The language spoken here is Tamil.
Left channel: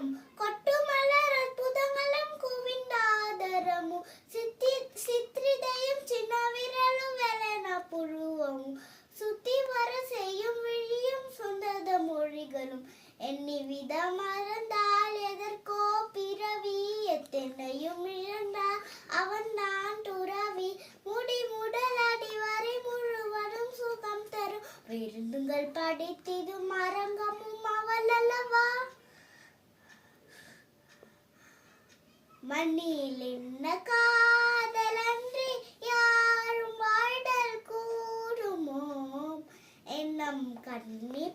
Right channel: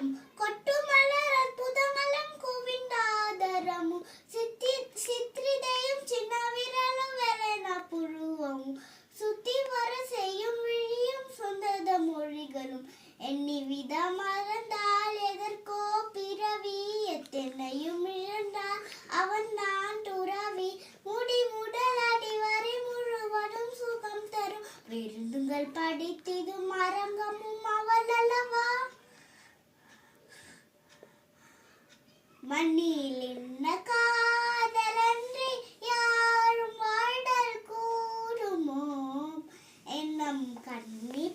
மலரும் கொட்டு மலர் அற்புதமலம் குவிந்தாதரமும் சித்திரிதையும் சின்ன விரலும் வெள்ளன புருவமும் சுத்தி வர செய்யும் விழியும் சொந்தத மொழிகளும் எண்ணி வித மறந்தால் எதற்கோ பிறவி எத்தனையும் இழந்தால் அவன் தான் துறவி முடி முதல் அடி வரை முழுவதும் சுகம் தரும் விருந்துங்கள் படித்திது மரங்கமும் அவள் அல்லவா மண்ணில் என்ன காதலன்றி யாரும் வாழ்தல் கூறுமோ எண்ணம் கண்ணி